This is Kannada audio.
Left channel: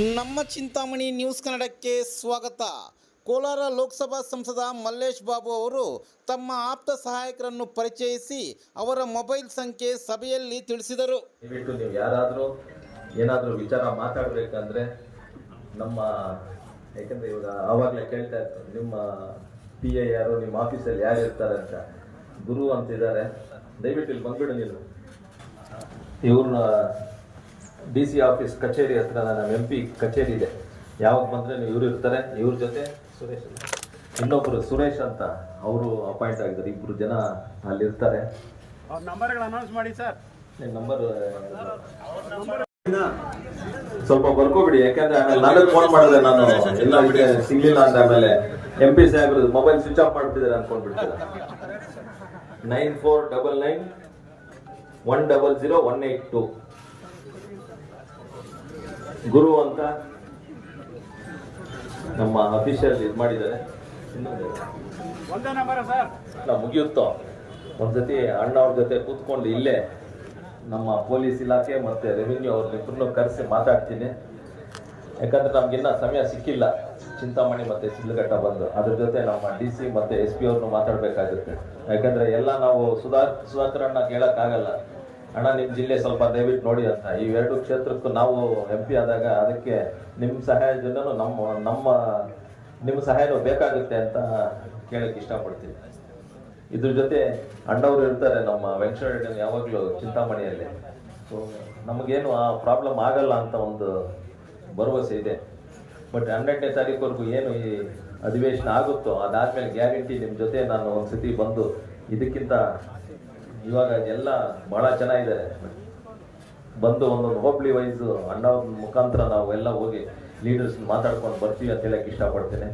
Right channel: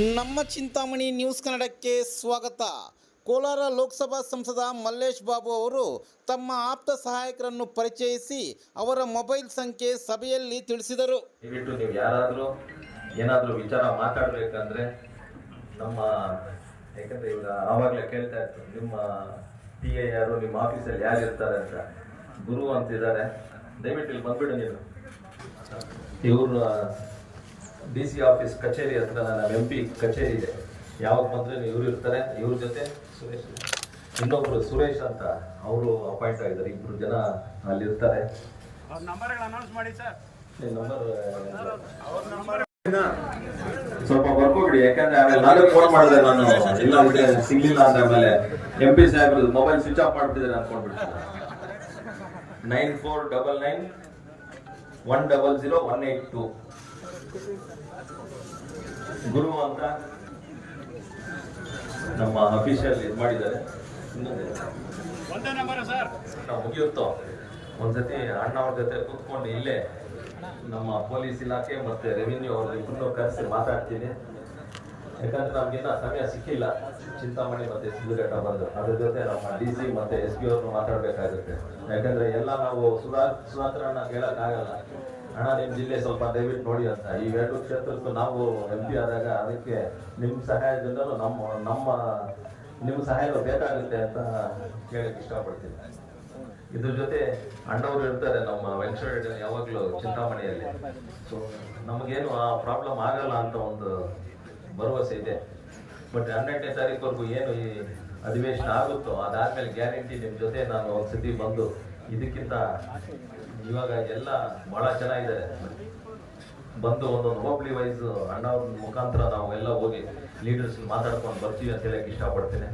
ನಮ್ಮ ಚಿಂತಾಮಣಿ ನ್ಯೂಸ್ ಕನ್ನಡಕ್ಕೆ ಸ್ವಾಗತ. ಕೋಲಾರ ಲೋಕಸಭಾ ಸಂಸದ ಮಲ್ಲೇಶ್ ಬಾಬು ಅವರು ತಮ್ಮ ಆಪ್ತ ಸಹಾಯಕರನ್ನು ಪರಿಚಯಿಸಿ ಅವರ ಮೊಬೈಲ್ ಸಂಖ್ಯೆ ಸಭೆಯಲ್ಲಿ ತಿಳಿಸಿದರು. ದಯವಿಟ್ಟು ನೀವು ಯಾರಾದರೂ ಏನಾದರೂ ವಿಚಾರ ಮಾತಾಡಬೇಕಂದ್ರೆ ನಮ್ಮ ಯಾಕಂದ್ರೆ ಇವಾಗ ಆವಾಗಲೇ ಕೇಳ್ತಾ ನಿಮ್ಮ ಪಿ ಎ ಯಾರು, ನಿಮ್ಮ ಆಫೀಸಲ್ಲಿ ಯಾರು ಇರ್ತಾರೆ ಅಂತ. ಗುರು ಅಂತಿದ್ದಾರೆ. ದಯವಿಟ್ಟು ಇಲ್ಲಿ ಬಂದ್ಬಿಡು ನೀನು ಇವ್ರನ್ನ ಡಿ ಸಿ ಆಫೀಸ್ ಕಚೇರಿ ಹತ್ರ ನನ್ನ ಎಂ ಪಿ ಕಚೇರಿ ಇದೆ. ಯಾವಾಗ ಬಂದ್ರೆ ಇವ್ರು ಇರ್ತಾರೆ ಇವ್ರ ಜೊತೆ ಸುರೇಶ್ ಇನ್ನೊಬ್ಬರು ಸುರೇಶ್ ಅಂತ ಅವರು ಅಪಾಯಿಂಟ್ ಆಗಿದ್ದಾರೆ. ಇಬ್ಬರು ಜನ ಅಲ್ಲಿರ್ತಾರೆ ಸ್ವಲ್ಪ ಬರ್ಕೋಬಿಡಿ ಯಾಕಂದ್ರೆ ಆಮೇಲೆ ನಾಳೆ ಫೋನ್ ಮಾಡಿದ್ರೆ ನಾನು. ಇಲ್ಲ ಅಂದ್ರೆ ಸಿಗ್ಲಿಲ್ಲ ಅಂತ ಆಮೇಲೆ ಎಂ ಪಿ ಸಾಹೇಬ್ರು ಮೊಬೈಲ್ ಸ್ವಿಚ್ ಆಫ್ ಮಾಡ್ತಿದ್ದಾರೆ ಅನ್ಕೊಂಡ್ಬಿಡ್ತಾರೆ? Nine four double nine one double zero one eight two. ಗುರು ಅಂತ ನಮ್ಮ ಅಫಿಷಿಯಲ್ ಇದು ಮಾಡಿದ್ದಾರೆ. ನಾವು ಮುಗಿಯುತ್ತೋ? ಒಂದ್ಸತಿ ಅಣ್ಣವ್ರ ಜೊತೆ ಕೂತ್ಕೊಂಡು ಇಲ್ಲೇ ನಮ್ಮ ಪೊಲೀಸ್ ಇಲಾಖೆ ಮತ್ತೆ ರೆವಿನ್ಯೂ ಅವ್ರ ಇಬ್ಬರನ್ನು ಕರೆಸಿ ಮಾತಾಡ್ತೀನಿ. ಯಾಕಂದ್ರೆ ನಮ್ಗಿನ್ನ ಸಮಯ ಸಿಕ್ಕಿಲ್ಲ. ಚಿಂತಾಮಣಿ ಮತ್ತೆ ಸಿದ್ಧಘಟ್ಟ ಬಂದು. ಅದ್ರ ಜೊತೆ ನಮ್ಮ ಡಿ ಸಿ ಮತ್ತೆ ಎಸ್ ಪಿ ಅವ್ರನ್ನು ಮಾತಾಡಬೇಕಾಗುತ್ತೆ. ಯಾಕಂದ್ರೆ ಎಲ್ಲ ನಾವು ಸುಧಾ ಸುಧಾಕರನ್ನ ಕೇಳಕ್ಕಾಗಲ್ಲ. ಅಣ್ಣ ನಿಮ್ಮ ಜಿಲ್ಲೆ ಸ್ವಲ್ಪ ದಯವಿಟ್ಟು ನೋಡಿ ಅಂತ. ಇವೆರಡು ಕ್ಷೇತ್ರಕ್ಕೂ ನಾವು ಎಂ ಪಿ ಆದಾಗ ಅದಕ್ಕೆ ನಿಮ್ಮ ಸಹಾಯದಿಂದನೂ ನಮ್ಮ ನಮ್ಮ ನಿಮ್ಮ ಸಹಾಯನೂ ಬೇಕಾಗುತ್ತೆ ಅಂತ ಕೇಳಕ್ಕೆ ಇಷ್ಟಪಡ್ತೀನಿ. ಇದ್ರ ಜೊತೆ ಅಣ್ಣವರು ಇರ್ತಾರೆ ನಮ್ಮ ವೆಂಕಟರೆಡ್ಡಿ ಯಾವಾಗಲೂ ಚಿಂತಾಮಣಿಯಲ್ಲಿ. ಸೊ ನಮಗೇನು ಆ ಪ್ರಾಬ್ಲಮ್ ಆಗಲ್ಲ ಅಂತ ಒಂದು ಭರವಸೆ ಇದೆ. ಬಟ್ ಹನ್ನೆರಡನೇ ತಾರೀಕುವರೆಗೂ ಏನು ಈ ಅಧಿವೇಶನ ಆಗುತ್ತೋ ಅದಾದ್ಮೇಲೆ ಗ್ಯಾರಂಟಿ ನಿಮ್ಮ ಜೊತೆ ನಾನು ಒಂದು ಸತಿ ಬಂದು ಇದಕ್ಕಿಂತ ಇವಾಗ ಎಲ್ಲ ಬಹಳ ಚೆನ್ನಾಗಿದೆ. ಬಂದು ಒಂದೊಂದು ಹೋಬ್ಳಿ ವೈಸ್ ಅಣ್ಣವ್ರ ಮುಖಾಂತರ ನಾವು ಎಲ್ಲ ಹೋಗಿ ಲೀಡರ್ಸ್ ಮಾತಾಡ್ಕೊಂಡು ಬರ್ತೀವಿ ಅಂತ ಹೇಳಕ್ ಇಷ್ಟಪಡ್ತೇನೆ.